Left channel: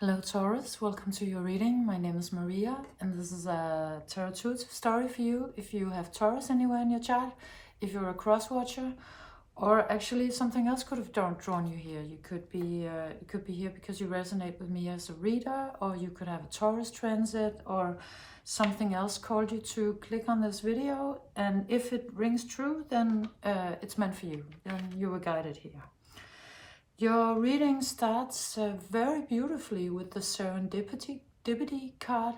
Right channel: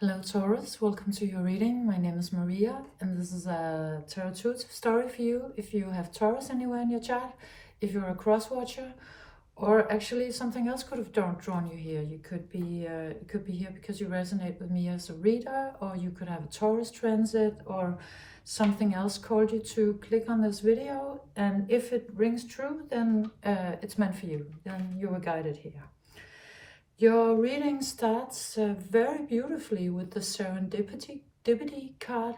Hello Taurus, welcome to your reading. My name is Maria and this is a tarot intuitive story for you if you have Taurus anywhere in your chart, if you're a cross watcher, or actually something else could have drawn you here. You could be here because you resonate with me as a reader, or you could have a Taurus transit or something else called you to click on this video, and if it rings true then it's meant for you, then you were guided here. Your reading starts very beautifully with the serendipity card.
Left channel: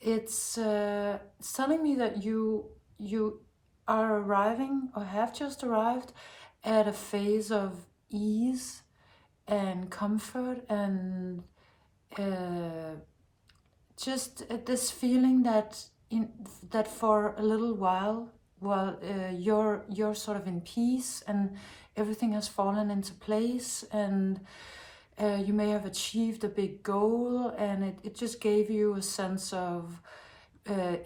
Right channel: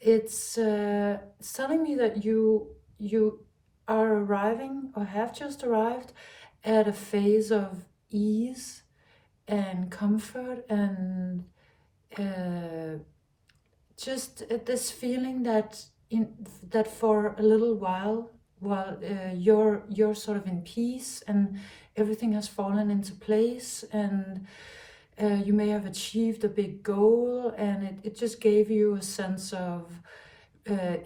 It's telling me that you are arriving or have just arrived at a phase of ease and comfort and just this feeling that that for a little while you're sort of in peace and everything has fallen into place, and you may have achieved a big goal, and it just gave you a sense of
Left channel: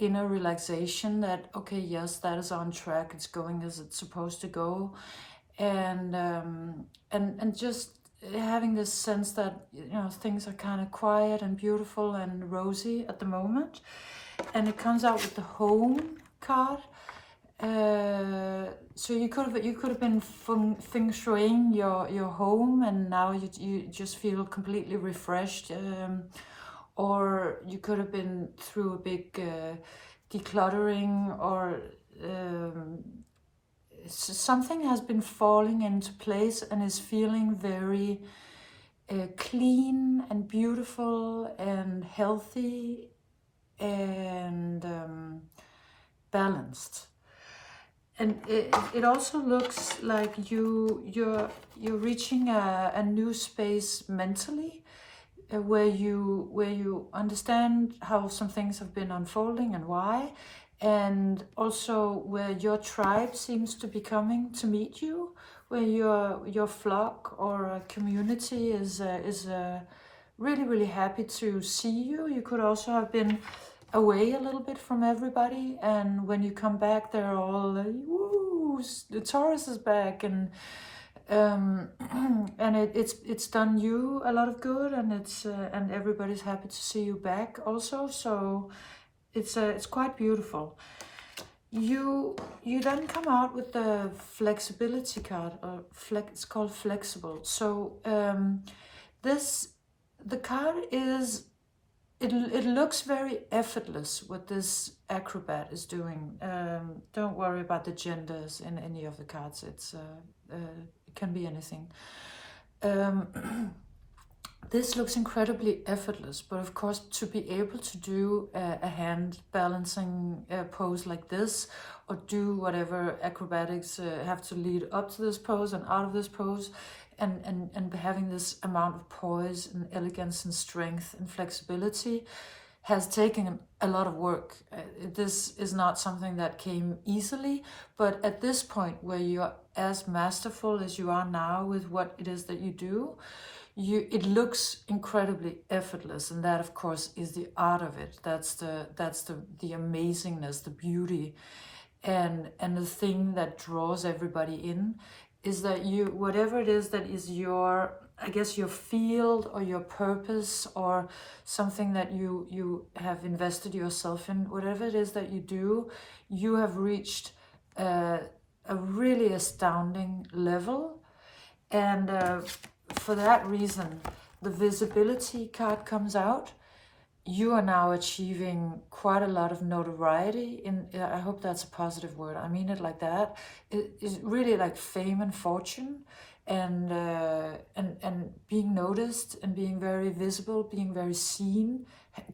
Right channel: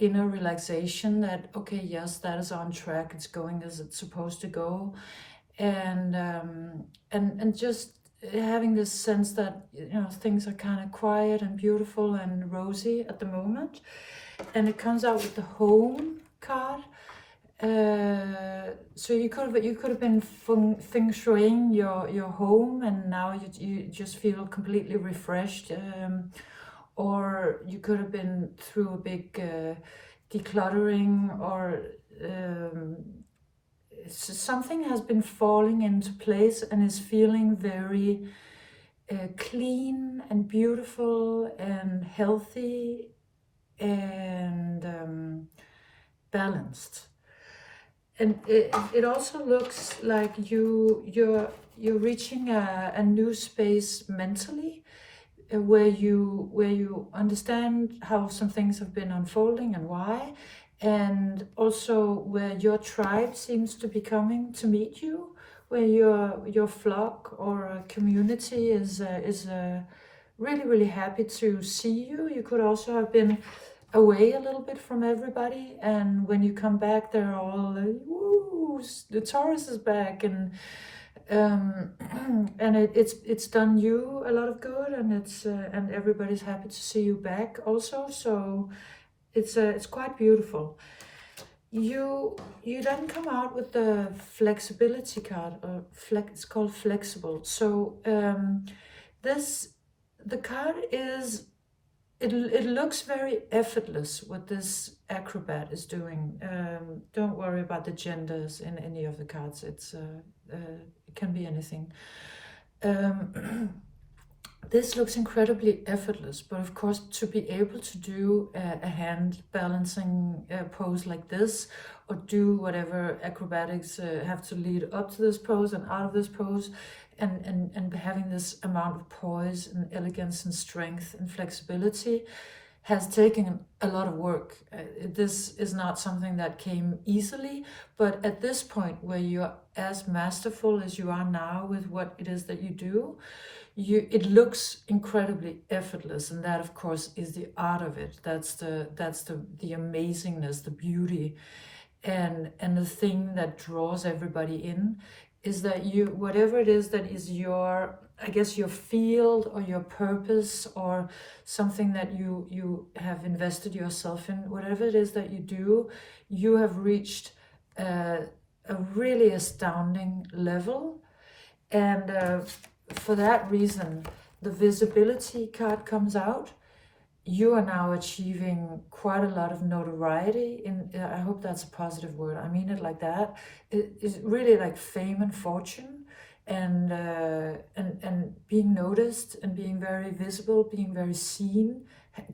inner relaxation that, okay, yes, that is on track, it's going as it's supposed to go, and just having this sense that, you know, things are kind of quiet and beautiful and rosy at the moment. And it comes out with the home card. So you could have been feng shuiing your home, and now you just feel completely refreshed, or you could have been through a big decluttering, or something has been falling into place and is feeling very clean and beautiful and healthy and balanced. And it also looks like you're reaching a new space mentally, where you understand how some things have been unfolding and why, and also where your tribe seems to be coming to meet you, where your flock or community is really happy to see you. You could also have been away a little bit from everybody, and when you come back they're all like, woo, the Taurus is back, and it's done you a lot of good, and it's and everybody's happy to see you back also, so it's quite beautiful. You then come out with the flexibility card, or it's called flexible. So the card is, it looks very effortless what this acrobat is doing. Don't worry about the genders in any of the cards. It can be anything. This looks incredibly effortless, but of course to be able to do a hand balancing pose like this, or do whatever acrobatics have to lead up to this pose and out of this pose, and having this amount of poise and elegance and strength and flexibility has taken a lot of work. This is not something that came easily, but at this point where you're as masterful as you are now with what it is that you do, it looks incredibly effortless, and that of course is the art of it. That's the amazingness, the beauty, and the thing that draws everybody in is that you, whatever it is that is your, I guess, your field or your purpose, or something that you have invested yourself in, whatever it is that you do, you have reached a really astounding level. And for that reason, the visibility card comes out. You are now achieving quite a lot of notoriety. I hope that's a positive word. I mean it like that. It is really like fame and fortune, and being noticed and being very visible, being very seen,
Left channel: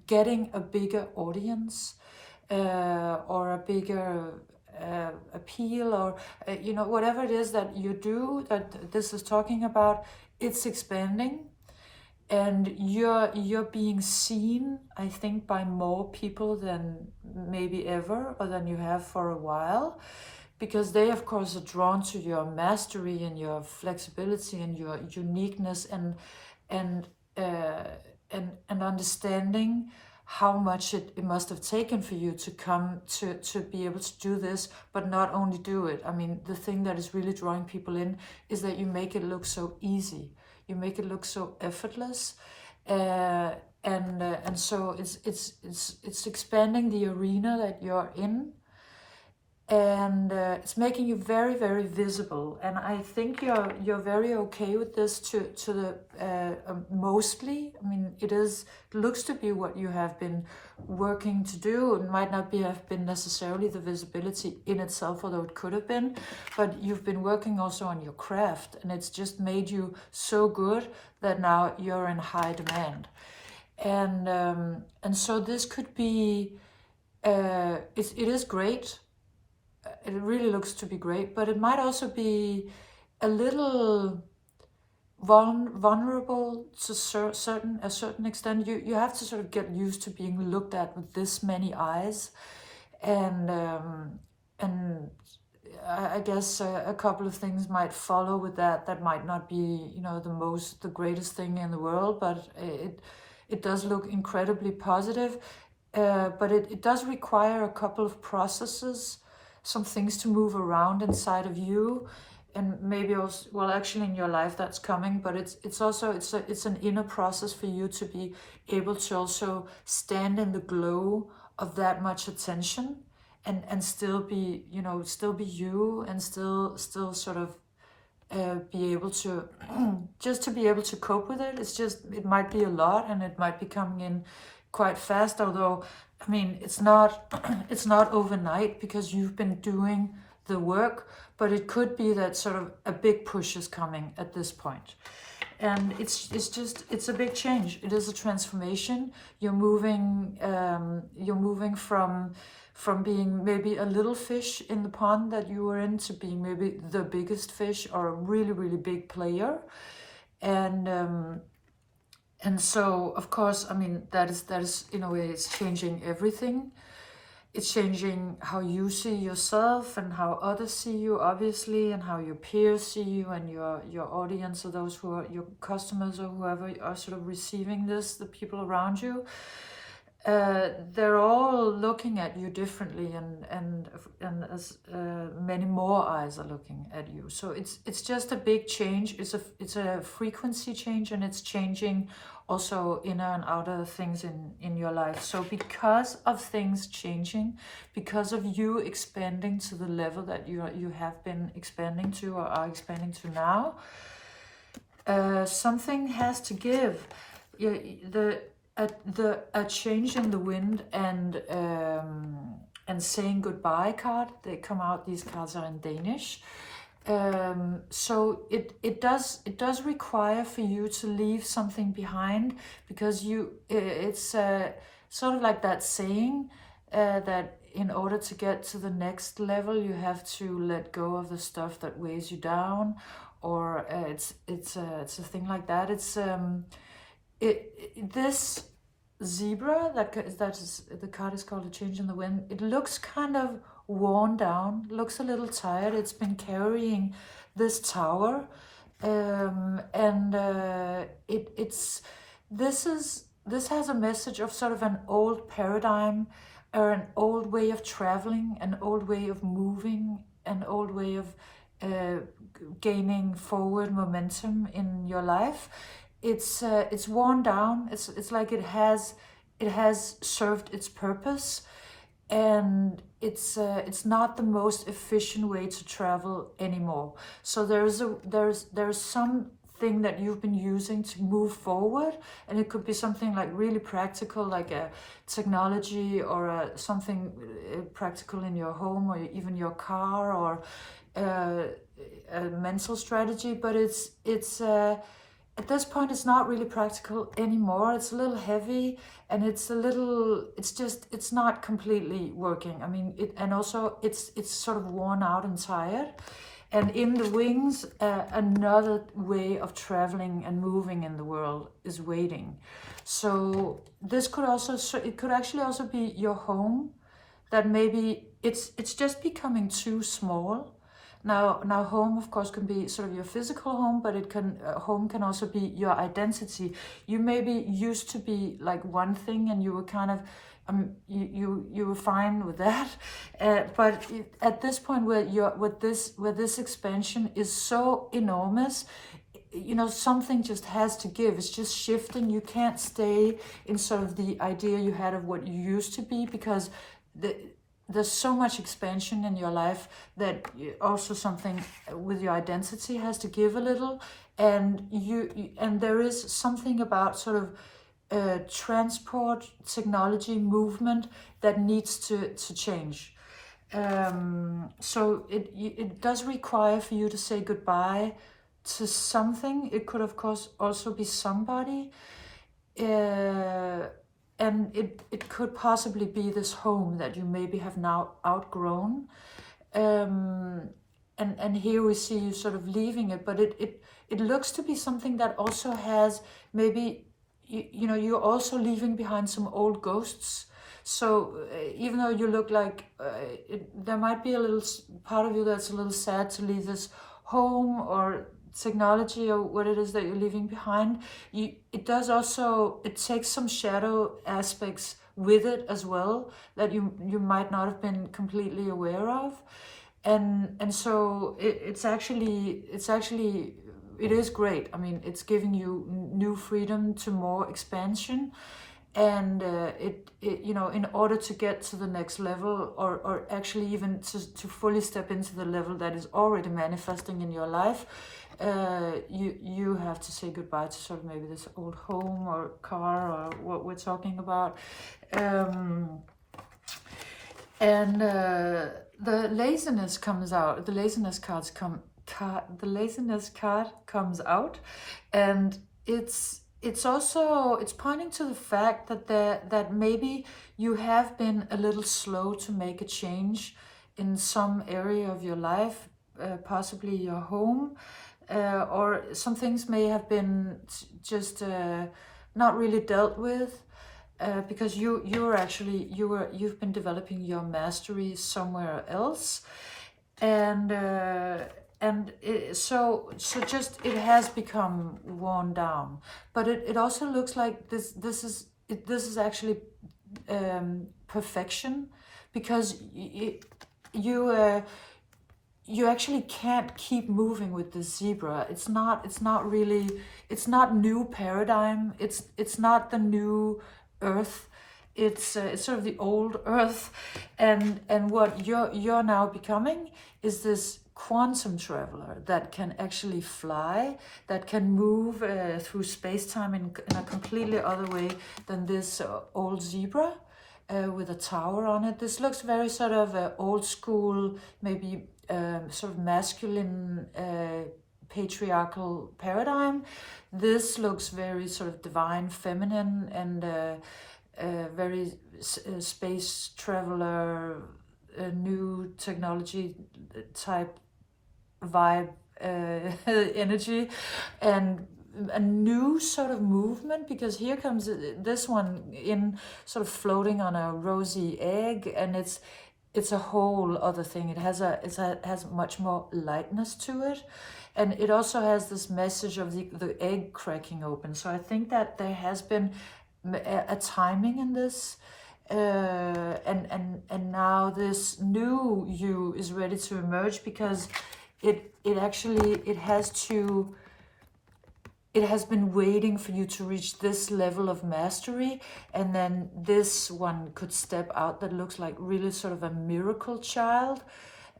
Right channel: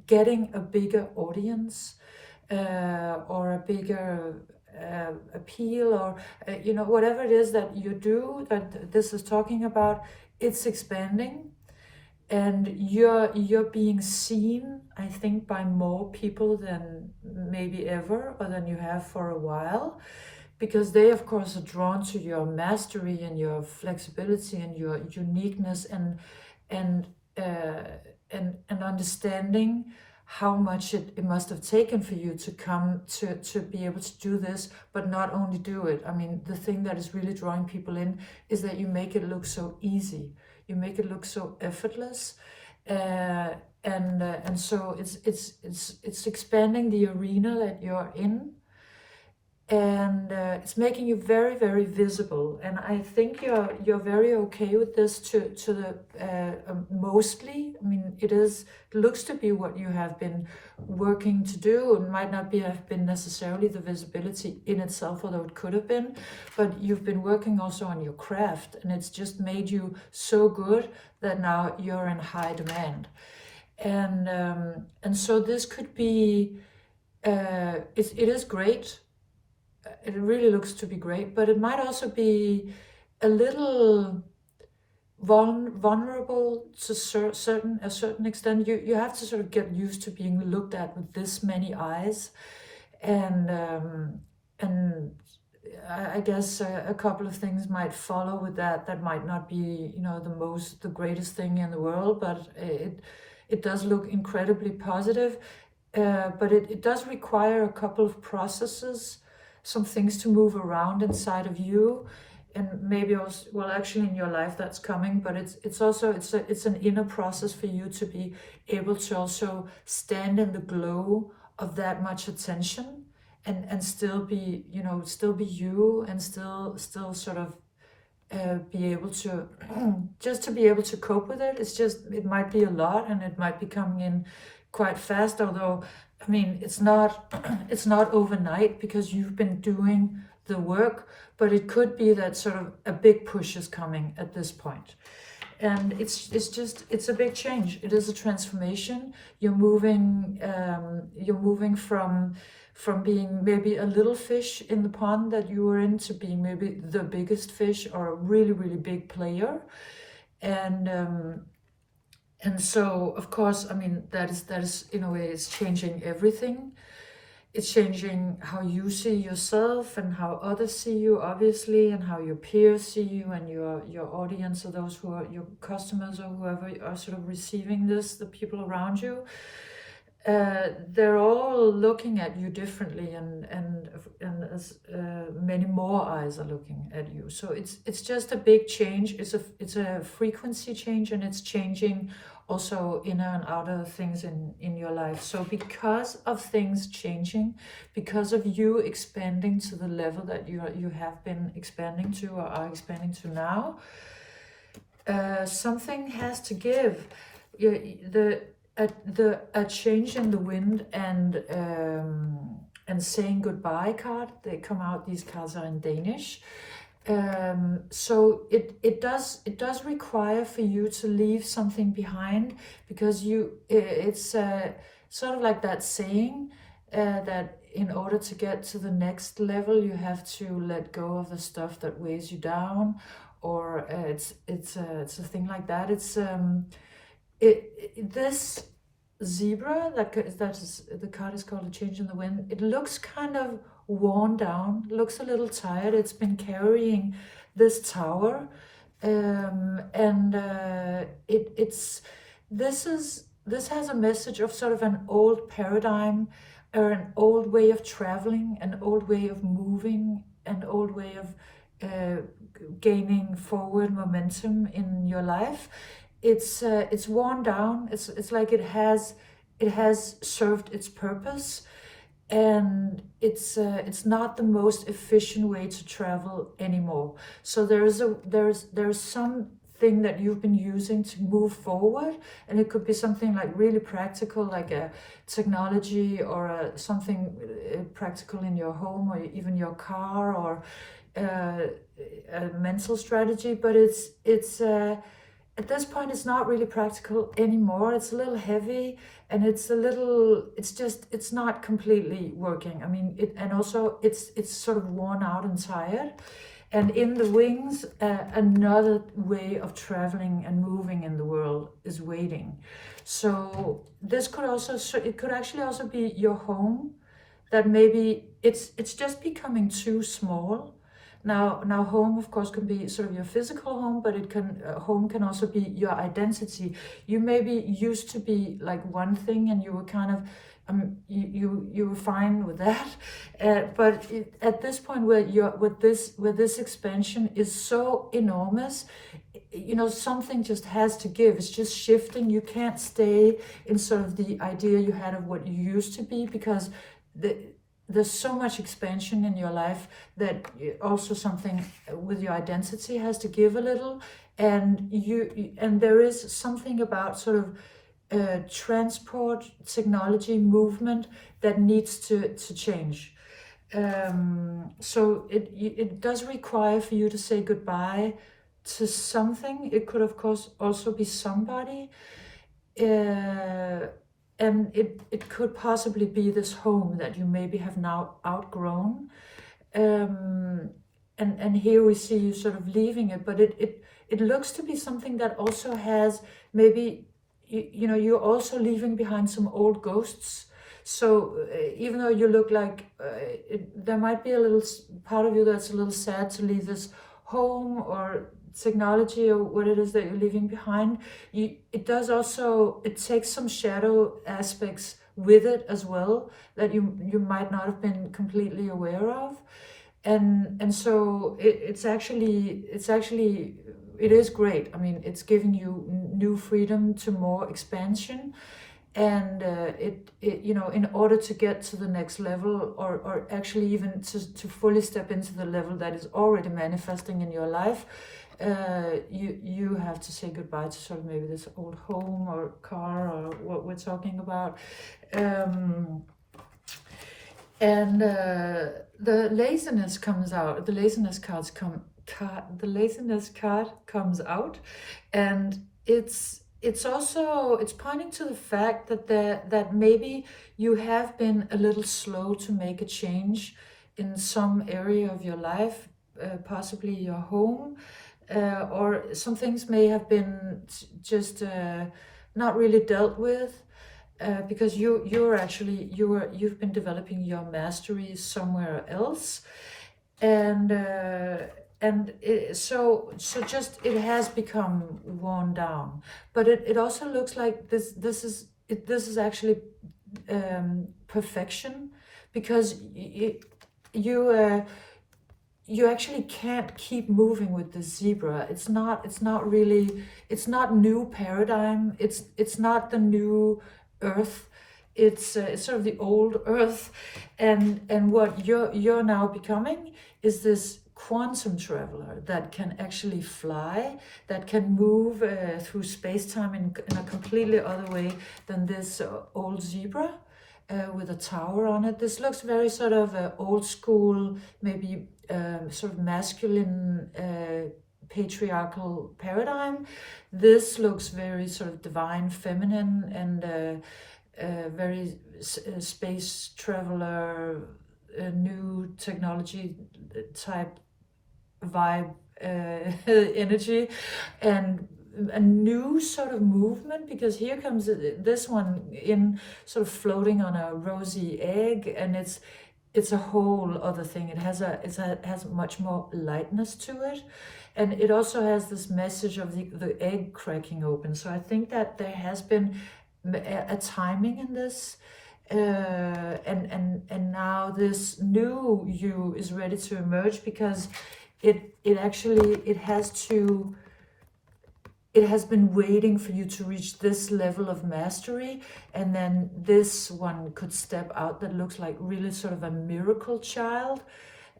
getting a bigger audience, or a bigger appeal, or you know, whatever it is that you do that this is talking about, it's expanding. And you're being seen, I think, by more people than maybe ever, or than you have for a while, because they of course are drawn to your mastery and your flexibility and your uniqueness, and understanding how much it must have taken for you to come to be able to do this, but not only do it. I mean, the thing that is really drawing people in is that you make it look so easy. You make it look so effortless, And so it's expanding the arena that you're in, and it's making you very, very visible. And I think you're very okay with this to the mostly. I mean, it looks to be what you have been working to do. It might not have been necessarily the visibility in itself, although it could have been, but you've been working also on your craft, and it's just made you so good that now you're in high demand. And so this could be it is great. It really looks to be great, but it might also be a little vulnerable to a certain extent. You have to sort of get used to being looked at with this many eyes, and I guess a couple of things might follow with that. That might not be, you know, the greatest thing in the world, but it does look incredibly positive. But it does require a couple of processes, some things to move around inside of you, and maybe also, well, actually in your life that's coming, but it's also it's an inner process for you to be able to also stand in the glow of that much attention, and still be, you know, still be you, and still sort of be able to just to be able to cope with it. It's just, it might be a lot, and it might be coming in quite fast, although I mean it's not it's not overnight because you've been doing the work, but it could be that sort of a big push is coming at this point. And it's a big change. It is a transformation. You're moving from being maybe a little fish in the pond that you were in to being maybe the biggest fish, or a really, really big player. And so, of course, I mean, that is in a way, it's changing everything. It's changing how you see yourself and how others see you, obviously, and how your peers see you, and your audience, or those who are your customers or whoever are sort of receiving this, the people around you. They're all looking at you differently, and as many more eyes are looking at you. So it's just a big change. It's a frequency change, and it's changing also inner and outer things in your life. So because of things changing, because of you expanding to the level that you have been expanding to, or are expanding to now, something has to give. A change in the wind and saying goodbye card, they come out, these cards are in Danish. So it does require for you to leave something behind, because it's sort of like that saying that in order to get to the next level, you have to let go of the stuff that weighs you down, or it's a thing like that. It's this zebra, that is, the card is called A Change in the Wind. It looks kind of worn down, looks a little tired. It's been carrying this tower, this has a message of sort of an old paradigm, or an old way of traveling, an old way of moving, an old way of gaining forward momentum in your life. It's worn down. It's like it has served its purpose, and it's not the most efficient way to travel anymore. So there's something that you've been using to move forward, and it could be something like really practical, like a technology, or something practical in your home, or even your car, or a mental strategy. But it's at this point, it's not really practical anymore. It's a little heavy, and it's not completely working. I mean, and also it's sort of worn out and tired. And in the wings, another way of traveling and moving in the world is waiting. So this could it could actually also be your home, that maybe it's just becoming too small. Now home, of course, can be sort of your physical home, but home can also be your identity. You maybe used to be like one thing, and you were kind of you were fine with that, but at this point where this expansion is so enormous, you know, something just has to give. It's just shifting. You can't stay in sort of the idea you had of what you used to be, because there's so much expansion in your life that also something with your identity has to give a little. And there is something about sort of transport technology movement that needs to change. So it does require for you to say goodbye to something. It could of course also be somebody, and it could possibly be this home that you maybe have now outgrown. And here we see you sort of leaving it, but it looks to be something that also has maybe, you know, you're also leaving behind some old ghosts. So even though you look like there might be a little part of you that's a little sad to leave this home or technology or what it is that you're leaving behind, it does also, it takes some shadow aspects with it as well that you might not have been completely aware of. And so it is great. I mean, it's giving you new freedom to more expansion. And you know, in order to get to the next level, or actually even to fully step into the level that is already manifesting in your life, you have to say goodbye to sort of maybe this old home or car or what we're talking about. And the laziness comes out. The laziness card comes out, and it's also, it's pointing to the fact that maybe you have been a little slow to make a change in some area of your life, possibly your home, or some things may have been just not really dealt with, because you've been developing your mastery somewhere else, and so just it has become worn down. But it also looks like this is actually perfection, because you actually can't keep moving with the zebra. It's not really, it's not new paradigm. It's not the new earth. It's sort of the old earth, and what you're now becoming is this quantum traveler that can actually fly, that can move through space-time in a completely other way than this old zebra with a tower on it. This looks very sort of old school, maybe sort of masculine patriarchal paradigm. This looks very sort of divine feminine, and very space traveler, new technology type vibe, energy, and a new sort of movement, because here comes this one in sort of floating on a rosy egg, and it's a whole other thing. It has much more lightness to it, and it also has this message of the egg cracking open. So I think that there has been a timing in this, and now this new you is ready to emerge, because it has been waiting for you to reach this level of mastery, and then this one could step out that looks like really sort of a miracle child,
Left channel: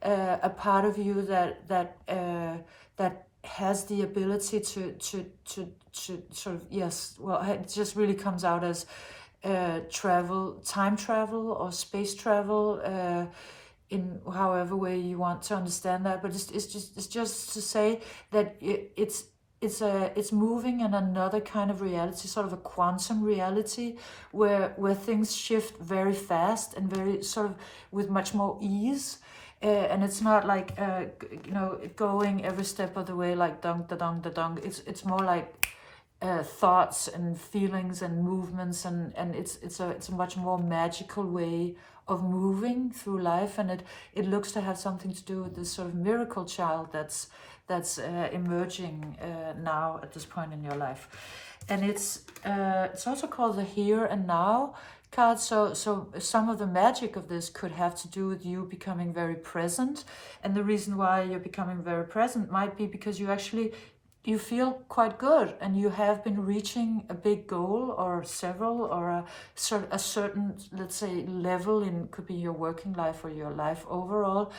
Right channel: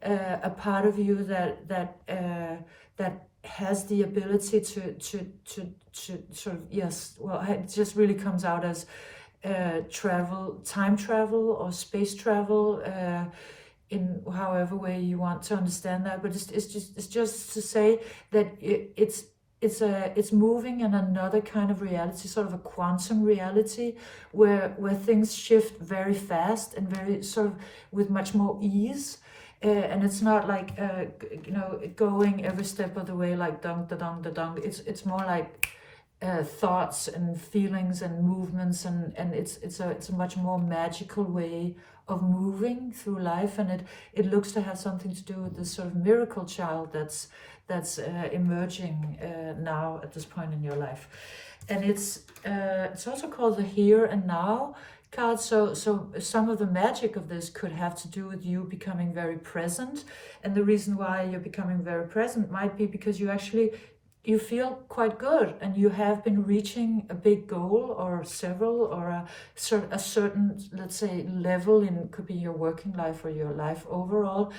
a part of you that has the ability to sort of, yes, well, it just really comes out as time travel or space travel, in however way you want to understand that. But it's just to say that it's moving in another kind of reality, sort of a quantum reality, where things shift very fast and very sort of with much more ease. And it's not like you know, going every step of the way like dong da dong da dong. It's more like thoughts and feelings and movements, and it's a much more magical way of moving through life, and it looks to have something to do with this sort of miracle child that's emerging now at this point in your life. And it's also called the here and now card. So some of the magic of this could have to do with you becoming very present, and the reason why you're becoming very present might be because you actually you feel quite good, and you have been reaching a big goal or several, or a certain, let's say, level in, could be your working life or your life overall,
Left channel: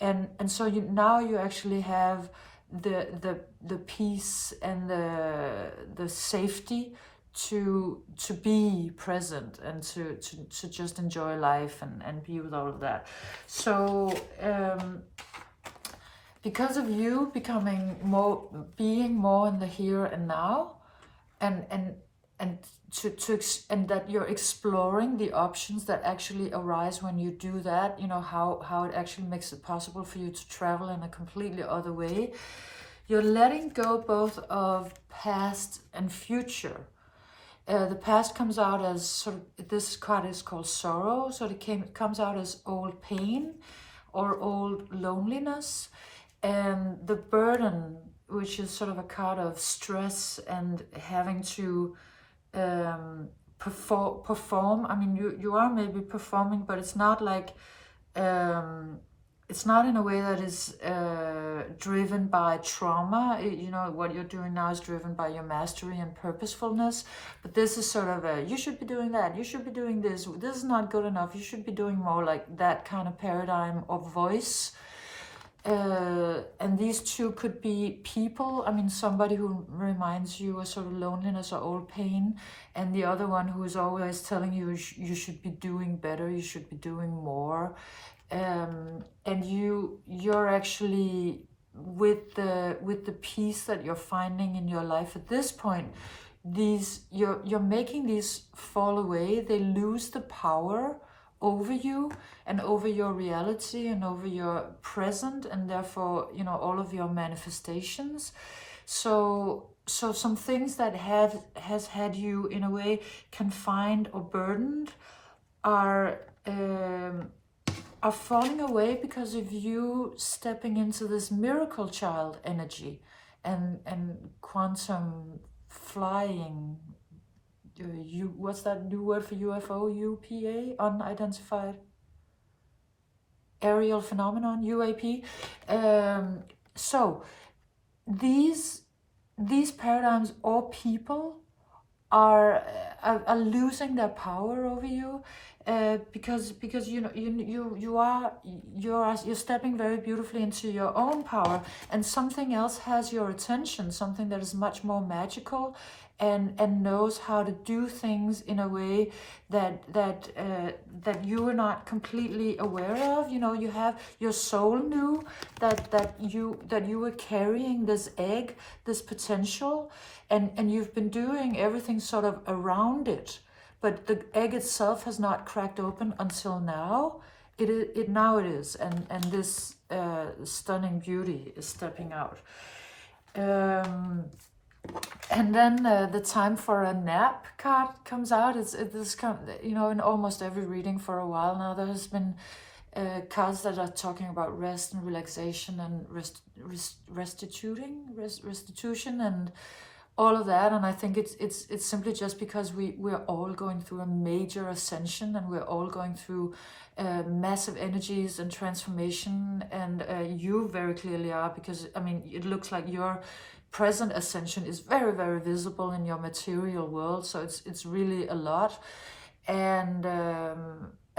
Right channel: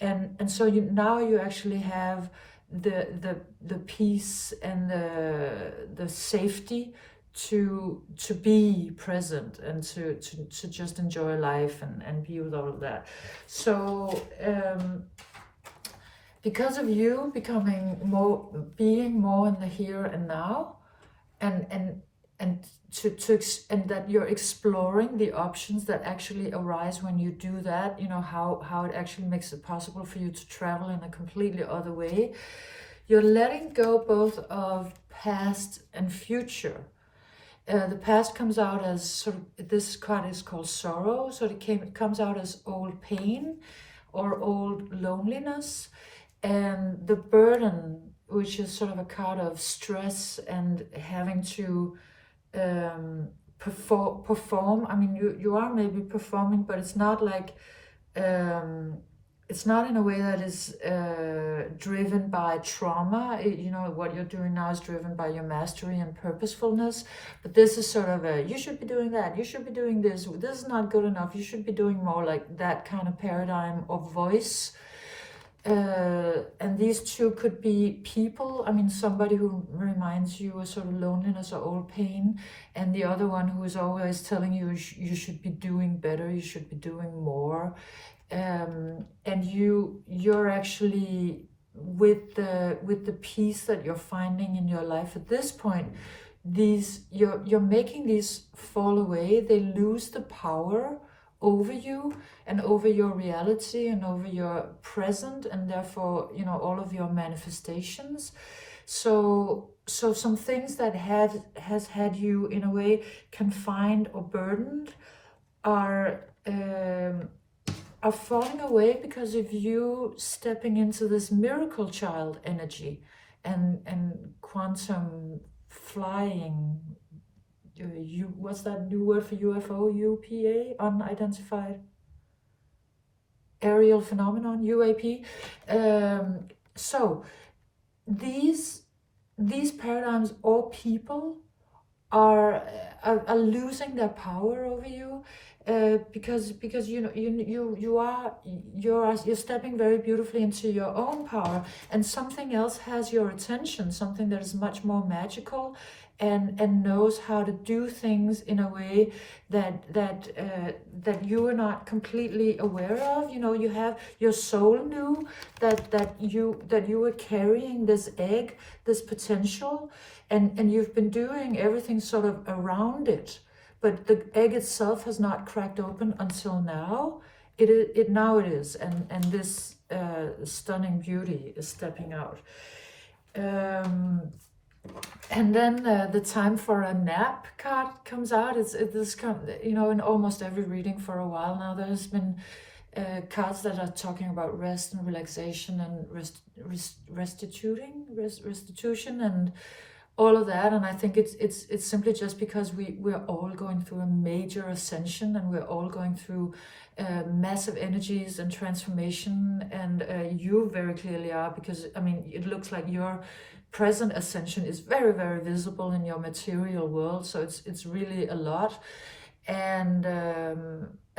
and so now you actually have the peace and the safety to be present and to just enjoy life and be with all of that. So because of you being more in the here and now, and that you're exploring the options that actually arise when you do that, you know, how it actually makes it possible for you to travel in a completely other way. You're letting go both of past and future. The past comes out as sort of, this card is called sorrow, so it comes out as old pain or old loneliness, and the burden, which is sort of a card of stress and having to perform. I mean, you are maybe performing, but it's not like it's not in a way that is driven by trauma. You know, what you're doing now is driven by your mastery and purposefulness. But this is sort of a, you should be doing that, you should be doing this, this is not good enough, you should be doing more, like that kind of paradigm of voice. And these two could be people. I mean, somebody who reminds you of sort of loneliness or old pain, and the other one who is always telling you you should be doing better, you should be doing more. And you're actually, with the peace that you're finding in your life at this point, you're making these fall away. They lose the power over you and over your reality and over your present, and therefore, you know, all of your manifestations. So some things that has had you in a way confined or burdened are falling away because of you stepping into this miracle child energy and quantum flying. What's that new word for UFO? UPA, unidentified aerial phenomenon, UAP. So these paradigms or people are losing their power over you. Because you know you're stepping very beautifully into your own power, and something else has your attention, something that is much more magical and knows how to do things in a way that you are not completely aware of. You know, you have, your soul knew that you were carrying this egg, this potential, and you've been doing everything sort of around it. But the egg itself has not cracked open until now. Now it is, and this stunning beauty is stepping out. And then the time for a nap card comes out. You know, in almost every reading for a while now, there has been cards that are talking about rest and relaxation and restitution and all of that. And I think it's simply just because we're all going through a major ascension, and we're all going through massive energies and transformation, and you very clearly are, because I mean, it looks like your present ascension is very, very visible in your material world. So it's really a lot, and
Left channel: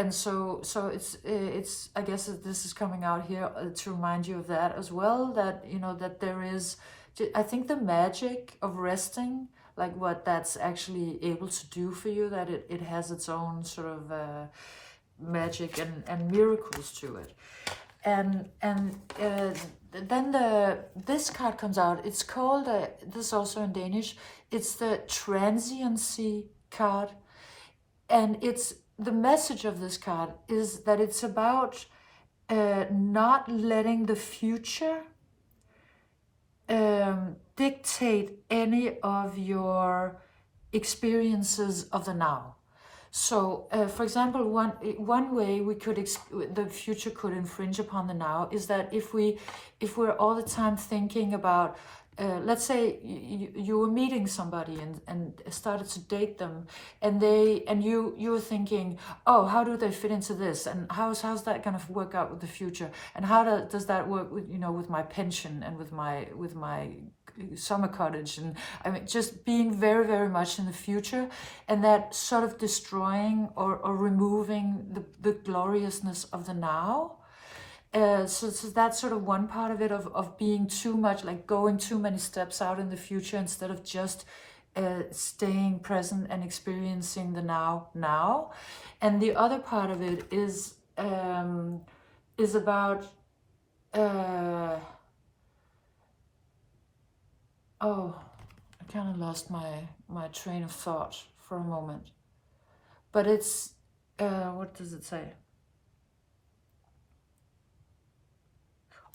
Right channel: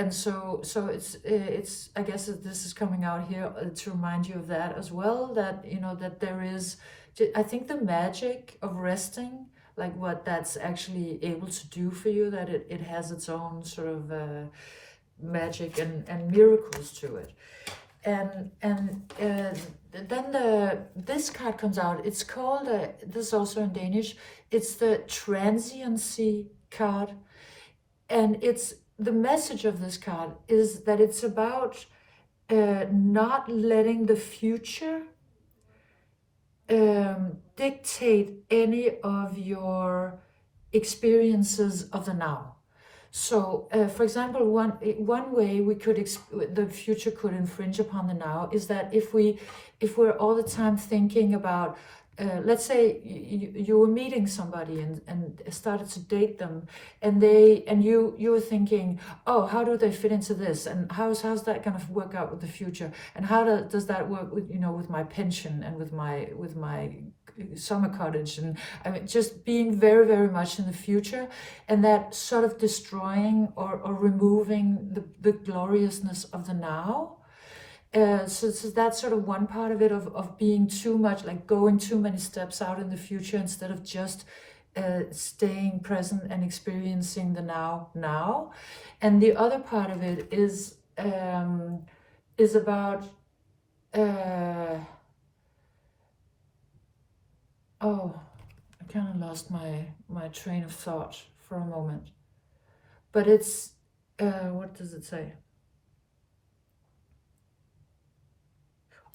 so it's I guess that this is coming out here to remind you of that as well, that you know that there is, I think, the magic of resting, like what that's actually able to do for you, that it has its own sort of magic and miracles to it. And then this card comes out. It's called, this is also in Danish, it's the transiency card. And the message of this card is that it's about not letting the future dictate any of your experiences of the now. So, for example, one way the future could infringe upon the now is that if we're all the time thinking about, let's say you were meeting somebody and started to date them, and you were thinking, oh, how do they fit into this, and how's that going to work out with the future, and how does that work with, you know, with my pension and with my summer cottage, and I mean, just being very, very much in the future, and that sort of destroying or removing the gloriousness of the now. So that's sort of one part of it, of being too much, like going too many steps out in the future instead of just staying present and experiencing the now. And the other part of it is about oh, I kind of lost my train of thought for a moment, but it's what does it say?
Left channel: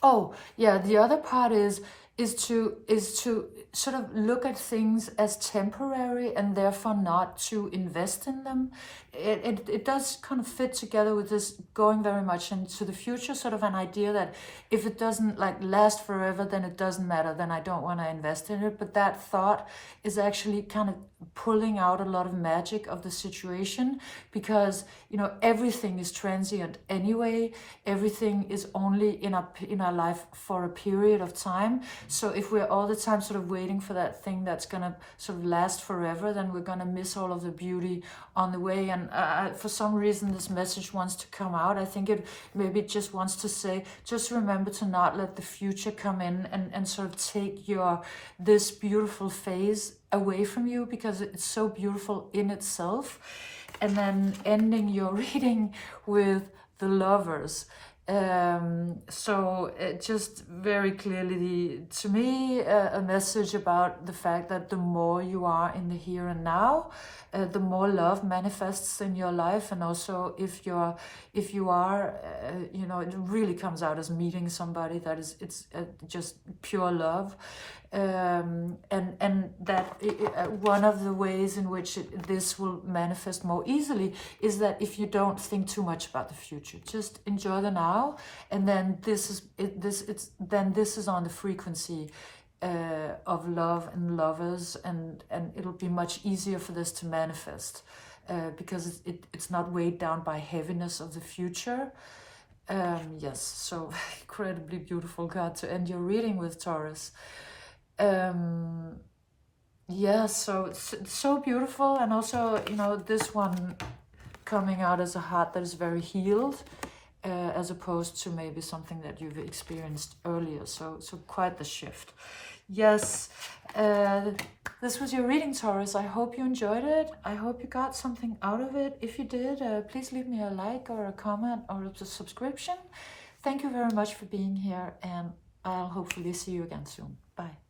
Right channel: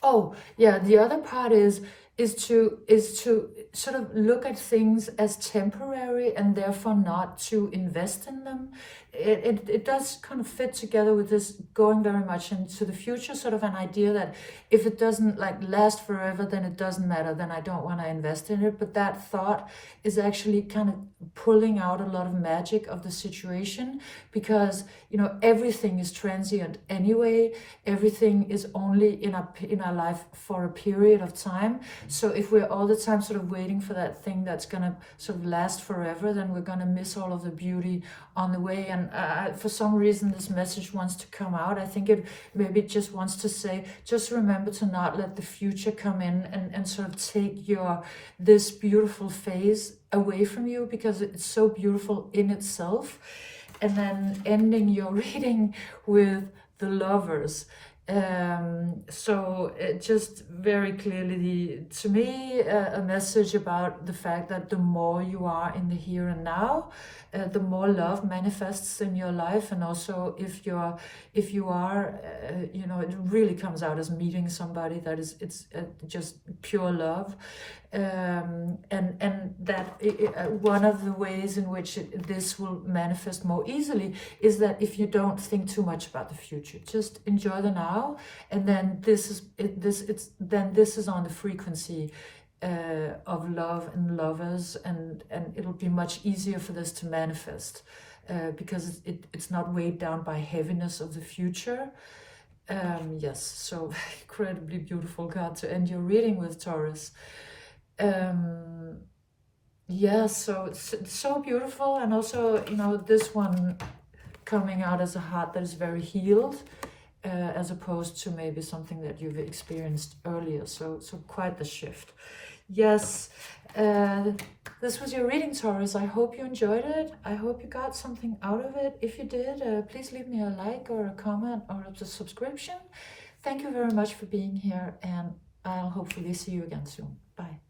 Oh, yeah, the other part is to sort of look at things as temporary and therefore not to invest in them. It does kind of fit together with this going very much into the future, sort of an idea that if it doesn't like last forever, then it doesn't matter, then I don't want to invest in it. But that thought is actually kind of pulling out a lot of magic of the situation, because you know, everything is transient anyway. Everything is only in our life for a period of time. So if we're all the time sort of waiting for that thing that's gonna sort of last forever, then we're gonna miss all of the beauty on the way. And for some reason this message wants to come out. I think it maybe just wants to say, just remember to not let the future come in and sort of take this beautiful phase away from you, because it's so beautiful in itself. And then ending your reading with the Lovers. So just very clearly to me a message about the fact that the more you are in the here and now, the more love manifests in your life. And also if you are you know, it really comes out as meeting somebody that is just pure love. And that one of the ways in which this will manifest more easily is that if you don't think too much about the future, just enjoy the now, and then this is on the frequency of love and lovers, and it'll be much easier for this to manifest because it's not weighed down by heaviness of the future. Yes, so incredibly beautiful card to end your reading with, Taurus. Yeah, so it's so beautiful. And also, you know, this one coming out as a heart that is very healed, as opposed to maybe something that you've experienced earlier. So quite the shift. Yes, this was your reading, Taurus. I hope you enjoyed it. I hope you got something out of it. If you did, please leave me a like or a comment or a subscription. Thank you very much for being here, and I'll hopefully see you again soon. Bye.